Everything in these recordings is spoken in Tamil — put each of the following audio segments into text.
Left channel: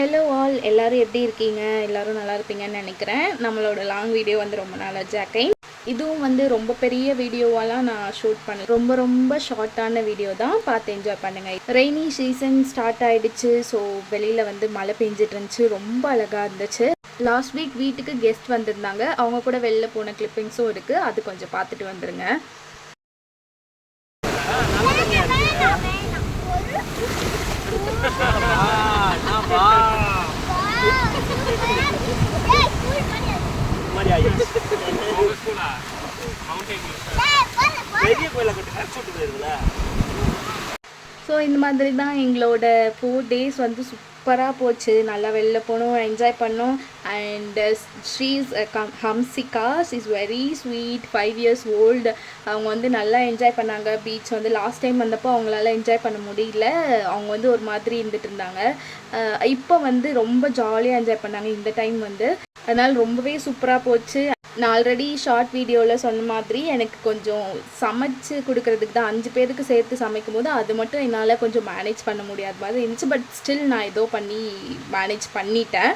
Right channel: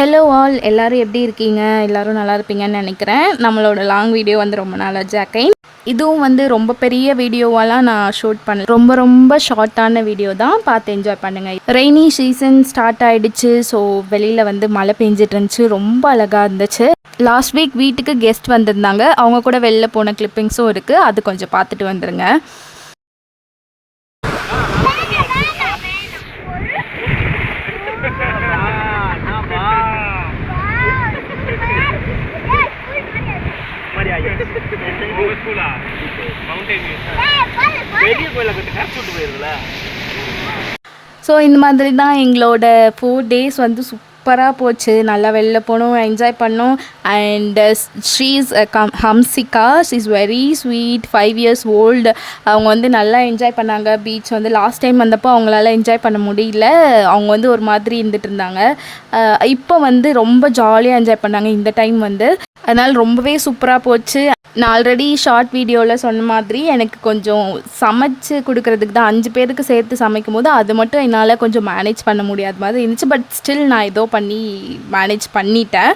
ஹலோ ஆல், எல்லோரும் எப்படி இருக்கீங்க? எல்லோரும் நல்லா இருப்பீங்கன்னு நினைக்கிறேன். நம்மளோட லாங் வீடியோ வந்து ரொம்ப நாள் ஜாக்கை இதுவும் வந்து ரொம்ப பெரிய வீடியோவெல்லாம் நான் ஷூட் பண்ணல. ரொம்ப ஷார்ட்டான வீடியோ தான், பார்த்து என்ஜாய் பண்ணுங்கள். ரெய்னி சீசன் ஸ்டார்ட் ஆகிடுச்சு. ஸோ வெளியில் வந்து மழை பெஞ்சிட்டு இருந்துச்சு, ரொம்ப அழகாக இருந்துச்சு. லாஸ்ட் வீக் வீட்டுக்கு கெஸ்ட் வந்திருந்தாங்க, அவங்க கூட வெளில போன கிளிப்பிங்ஸும் இருக்குது. அது கொஞ்சம் பார்த்துட்டு வந்துடுங்க. ஸோ இந்த மாதிரி தான் எங்களோட 4 days வந்து சூப்பராக போச்சு. நல்லா வெளில போனோம், என்ஜாய் பண்ணோம். And she's Hamsika, she's very sweet, 5 years old. அவங்க வந்து நல்லா என்ஜாய் பண்ணாங்க. பீச் வந்து லாஸ்ட் டைம் வந்தப்போ அவங்களால என்ஜாய் பண்ண முடியல, அவங்க வந்து ஒரு மாதிரி இருந்துட்டு இருந்தாங்க. இப்போ வந்து ரொம்ப ஜாலியாக என்ஜாய் பண்ணாங்க இந்த டைம் வந்து. அதனால் ரொம்பவே சூப்பராக போச்சு. நான் ஆல்ரெடி ஷார்ட் வீடியோவில் சொன்ன மாதிரி எனக்கு கொஞ்சம் சமைச்சு கொடுக்குறதுக்கு தான் 5 பேருக்கு சேர்த்து சமைக்கும் போது அது மட்டும் என்னால் கொஞ்சம் மேனேஜ் பண்ண முடியாத மாதிரி இருந்துச்சு. பட் ஸ்டில் நான் ஏதோ பண்ணி மேனேஜ் பண்ணிட்டேன்.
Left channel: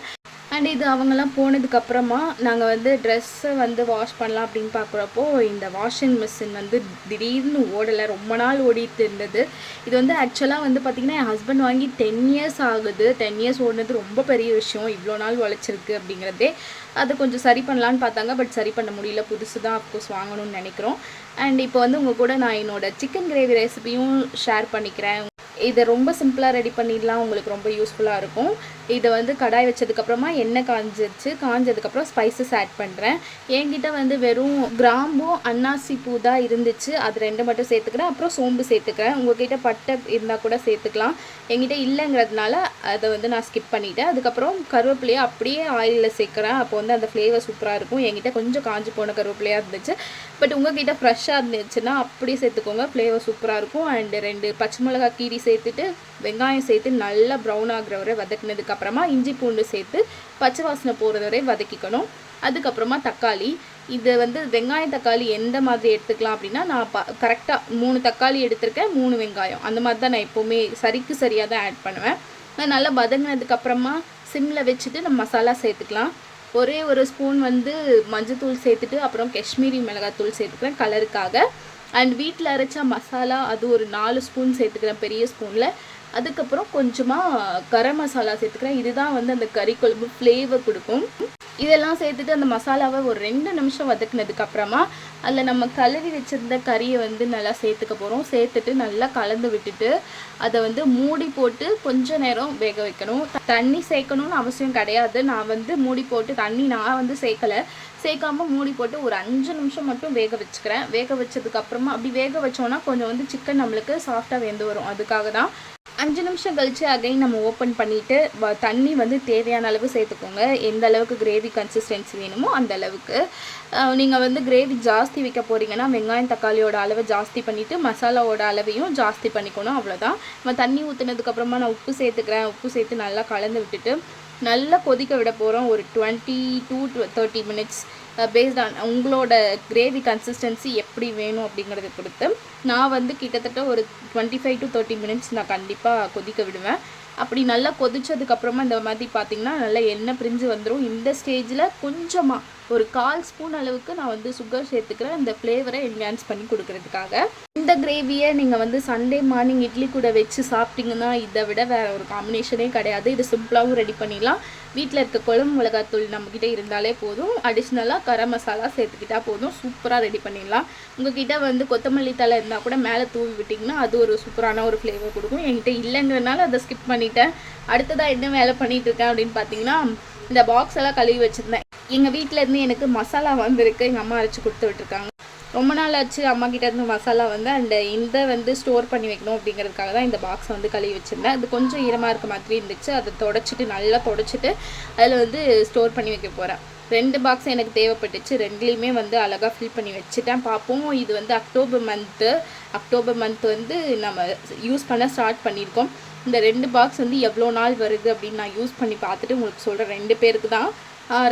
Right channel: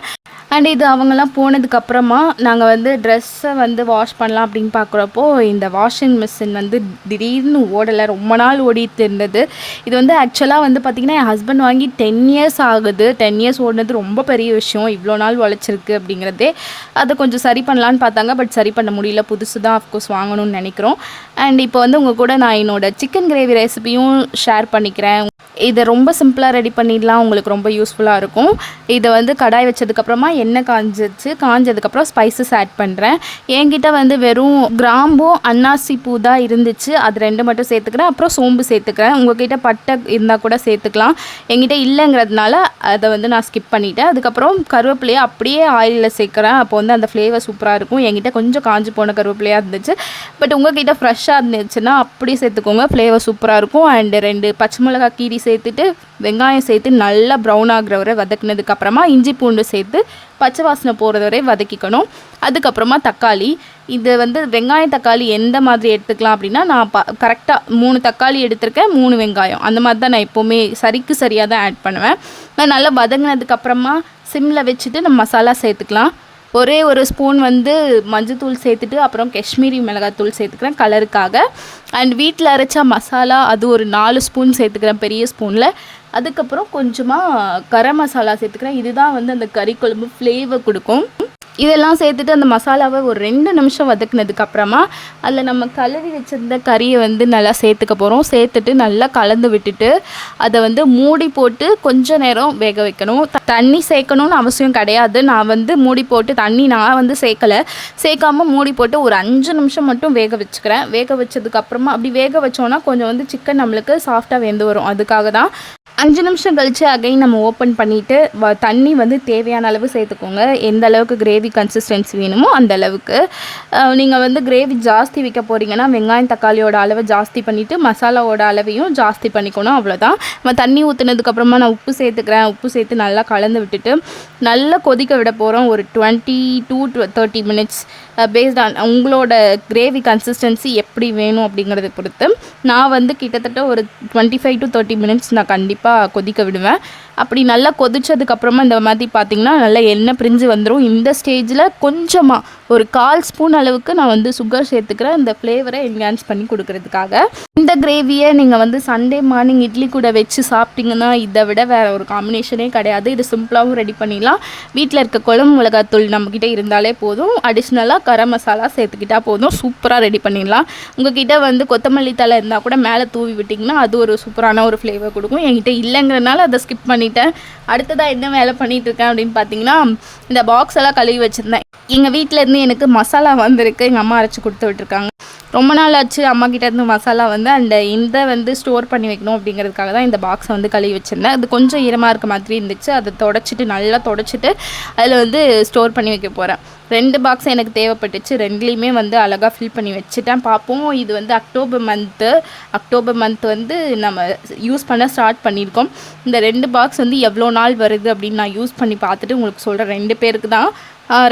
அண்ட் இது அவங்கெல்லாம் போனதுக்கப்புறமா நாங்கள் வந்து ட்ரெஸ்ஸை வந்து வாஷ் பண்ணலாம் அப்படின்னு பார்க்குறப்போ இந்த வாஷிங் மிஷின் வந்து திடீர்னு ஓடலை, ரொம்ப நாள் ஓடிட்டு இருந்தது. இது வந்து ஆக்சுவலாக வந்து பார்த்திங்கன்னா என் ஹஸ்பண்ட் வாங்கி 10 years ஆகுது. 10 years ஓடினது ரொம்ப பெரிய விஷயம், இவ்வளோ நாள் உழைச்சிருக்கு அப்படிங்கிறதே. அதை கொஞ்சம் சரி பண்ணலான்னு பார்த்தாங்க, பட் சரி பண்ண முடியல. புதுசு தான் அஃப்கோர்ஸ் வாங்கணும்னு நினைக்கிறோம். அண்ட் இப்போ வந்து உங்கள் கூட நான் என்னோடய சிக்கன் கிரேவி ரெசிபியும் ஷேர் பண்ணிக்கிறேன். இதை ரொம்ப சிம்பிளாக ரெடி பண்ணிடலாம், உங்களுக்கு ரொம்ப யூஸ்ஃபுல்லாக இருக்கும். இதை வந்து கடாய் வச்சதுக்கப்புறமா எண்ணெய் காஞ்சதுக்கப்புறம் ஸ்பைசஸ் ஆட் பண்ணுறேன். என்கிட்ட வந்து வெறும் கிராம்பும் அன்னாசி பூ தான் இருந்துச்சு, அது 2 மட்டும் சேர்த்துக்கிறேன். அப்புறம் சோம்பு சேர்த்துக்கிறேன். உங்கள்கிட்ட பட்டை இருந்தால் கூட சேர்த்துக்கலாம். என்கிட்ட இல்லைங்கிறதுனால அதை வந்து நான் ஸ்கிப் பண்ணிவிட்டேன். அதுக்கப்புறம் கருவேப்பிலையை அப்படியே ஆயிலில் சேர்க்குறேன். அப்போ வந்து அந்த ஃப்ளேவர் சூப்பராக இருக்கும். என்கிட்ட கொஞ்சம் காஞ்சி போன கருவேப்பிலையாக இருந்துச்சு, பட் உங்கள்கிட்ட ஃப்ரெஷ்ஷாக இருந்துச்சுன்னா அப்படி சேர்த்துக்கோங்க, ஃப்ளேவர் சூப்பராக இருக்கும். அண்டு 2 பச்சை மிளகாய் கீரி சேர்த்துட்டு வெங்காயம் சேர்த்து நல்லா ப்ரௌன் ஆகிற வரை வதக்கினதுக்கப்புறமா இஞ்சி பூண்டு சேர்த்து பச்சை வாசனை போகிறது வரை வதக்கிக்கணும். அதுக்கப்புறமா தக்காளி, இது வந்து வெங்காயம் தக்காளி எந்த மாதிரி எடுத்துக்கலாம் அப்படின்னா நான் கரெக்டாக 3 தக்காளி எடுத்திருக்கேன், 3 வெங்காயம், அந்த மாதிரி தான் நான் எப்போவுமே சரியாக தான் ஆட் பண்ணுவேன். நான் நல்லா வதங்கினதுக்கப்புறமா சிம்மில் வச்சுட்டு நம்ம மசாலா சேர்த்துக்கலாம். ஒரே ஒரு ஸ்பூன் வந்து மஞ்சத்தூள் சேர்த்துட்டு அப்புறம் காஷ்மீரி மிளகாத்தூள் சேர்த்துக்கிறேன் கலருக்காக. அண்ட் வீட்டில் அரைச்சா மசாலா அது ஒரு 4 ஸ்பூன் சேர்த்துக்கிறேன் பெரிய ஸ்பூனில். அதுக்கப்புறம் கொஞ்சமாக கரம் மசாலா சேர்த்துக்கிறேன். இதுதான் வந்து அந்த கறி குழம்பு ஃப்ளேவர் கொடுக்கும். இதெல்லாம் சேர்த்துட்டு அந்த மசாலாவை ஒரு 2 நிமிஷம் வதக்குனதுக்கப்புறமா அதில் நம்ம கழுவி வச்சுருந்த கறியை வந்து நல்லா சேர்த்துக்க போகிறோம். சேர்த்துட்டு நல்லா கலந்து விட்டுட்டு அதை வந்து மூடி போட்டு கொஞ்ச நேரம் வேக வைக்கணும். தண்ணி சேர்க்கணும்னு அவசியம் கிடையாது. நான் வந்து மூடி போட்டு தண்ணி நான் வந்து சேர்க்காமல் மூடி போட்டு ஒரு 5 நிமிஷம் மட்டும் வேக வச்சுக்கிறேன். வேக வச்சதுக்கப்புறமா அப்படி வேக வச்சோன்னா கொஞ்சம் வந்து சிக்கன் நம்மளுக்கு சாஃப்டாக வெந்து வரும். அதுக்காக தான் 5 நிமிஷம் கழித்து அகைன் நம்ம ஓப்பன் பண்ணிவிட்டு தண்ணி வந்து தேவையான அளவு சேர்த்துக்கோங்க. எந்த அளவுக்கு கிரேவி கன்சிஸ்டன்சி வேணுமோ அந்த அளவுக்கு. நீங்கள் வந்து கிரேவி ஜாஸ்தி வைக்க போகிறீங்கன்னா வெங்காயம் தக்காளியோட அளவை ஜாஸ்தி பண்ணிவிட்டு மசாலாவோட அளவையும் ஜாஸ்தி பண்ணிக்கணும், அவ்வளோதான். நம்ம தண்ணி ஊற்றுனதுக்கப்புறமா நான் உப்பு சேர்த்துக்கிறேன். உப்பு சேர்த்து நல்லா கலந்து விட்டுட்டு நல்லா கொதிக்க விட போகிறோம் ஒரு 20 to 30 minutes. பேஸ்ட் ஆன் உங்களோட கிரேவி கன்சிஸ்டன்சி எப்படி வேணும் அப்படிங்கிறத பொறுத்து நான் வந்து கிட்டத்தட்ட ஒரு 25 to 30 minutes நான் கண்டிப்பாக கொதிக்க விடுவேன். அப்படி நல்லா கொதிச்சதுக்கப்புறமா இந்த மாதிரி பார்த்திங்கன்னா நல்லா எண்ணெய் பிரிஞ்சு வந்துடும். இந்த ஸ்டேஜில் கொஞ்சமாக ஒரு 1/4 ஸ்பூன் அளவுக்கு நான் வந்து சுகர் சேர்த்துக்கிறேன், இந்த ஃப்ளேவரை என்ஹான்ஸ் பண்ணி கொடுக்கறதுக்காக. இந்த கிரேவியை நீங்கள் வந்து சண்டே மார்னிங் இட்லி கூட வச்சு சாப்பிட்டிங்கன்னா இதை விட வேறு ஒரு காம்பினேஷனே கிடையாது. இது சிம்பிளாகவும் ரெடி பண்ணிடலாம். வீட்டில் இருக்க குழம்பு மிளகாத்தூள் நம்மக்கிட்ட இருந்தாலே போதும், அடிஷ்னலாக கரம் மசாலா சேர்த்துக்கிட்டால் போதும், சூப்பராக ரெடி பண்ணிடலாம். உங்கள்கிட்ட வந்து கொத்தமல்லி தலை இருந்தால் கூட மேலே தூவி விட்டிங்கன்னா அது ஒரு சூப்பரான ஒரு ஃப்ளேவர் கொடுக்கும். என்கிட்ட இல்லைங்கிறனால அதை ஸ்கிப் பண்ணிட்டேன். அடுத்ததாக என்ன வேலை பண்ணிகிட்ருக்கேன் அப்படின்னு பார்த்தீங்கன்னா இந்த பாக்ஸ் எல்லாம் கழுவி வச்சுருந்தேன். எங்கள் வீட்டில் இருந்து எனக்கு மசாலா வந்திருக்கு, எங்கள் அம்மா அரைச்சி கொடுத்து விட்டுருக்காங்க. ரொம்ப நாள் ஆச்சு அம்மா கிட்டேருந்து மசாலா வந்து அந்த இந்த வந்து ஸ்டோர் பண்ணி வைக்கணும் அப்படிங்கிறதுக்காக தான் இந்த பாக்ஸை வந்து கழுவி வச்சுருந்தேன். அது கொஞ்சம் ஈரமாக இருக்க மாதிரி இருந்துச்சு, அதை நல்லா தொடச்சிட்டு அதில் வந்து ஸ்டோர் பண்ணி வைக்க போகிறேன். 2 பாக்ஸ் எனக்கு தேவைப்பட்டுச்சு, 2லேயுமே வந்து அழகாக ஃபில் பண்ணி வச்சுட்டேன். பார்ப்போம். இது வந்து அக்டோபர் மந்த் வந்து நம்ம யூஸ் பண்ண ஸ்டார்ட் பண்ணியிருக்கோம். இந்த 2 பாக்ஸ் வந்து எவ்வளோ நாள் வருது அப்படின்னு நான் யூஸ் பண்ணி பார்த்துட்டு உங்களுக்கு சொல்கிறேன். 2 பேருக்கு தான்,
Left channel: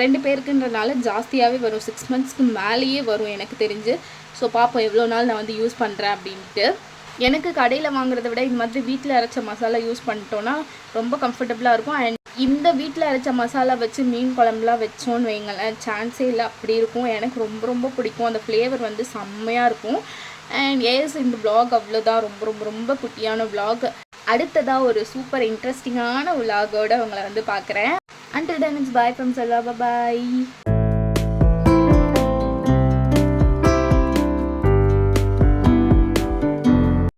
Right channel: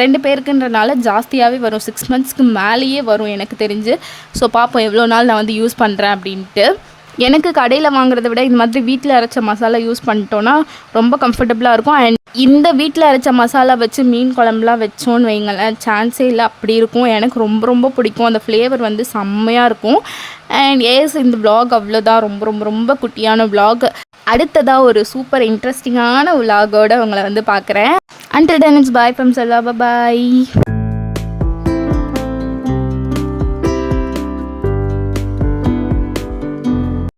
2 பேருக்குன்றனால ஜாஸ்தியாகவே வரும், 6 monthsக்கு மேலேயே வரும் எனக்கு தெரிஞ்சு. ஸோ பார்ப்போம் எவ்வளோ நாள் நான் வந்து யூஸ் பண்ணுறேன் அப்படின்ட்டு. எனக்கு கடையில் வாங்குறத விட இந்த மாதிரி வீட்டில் அரைச்ச மசாலா யூஸ் பண்ணிட்டோன்னா ரொம்ப கம்ஃபர்டபுளாக இருக்கும். அண்ட் இந்த வீட்டில் அரைச்ச மசாலா வச்சு மீன் குழம்புலாம் வச்சோன்னு வைங்களேன், சான்ஸே இல்லை, அப்படி இருக்கும். எனக்கு ரொம்ப ரொம்ப பிடிக்கும். அந்த ஃப்ளேவர் வந்து செம்மையாக இருக்கும். அண்ட் இந்த vlog அவ்வளோதான். ரொம்ப ரொம்ப ரொம்ப குட்டியான vlog. அடுத்ததாக ஒரு சூப்பர் இன்ட்ரெஸ்டிங்கான vlogோட உங்களை வந்து பார்க்குறேன். Until then, it's bye from Salwa. Bye bye.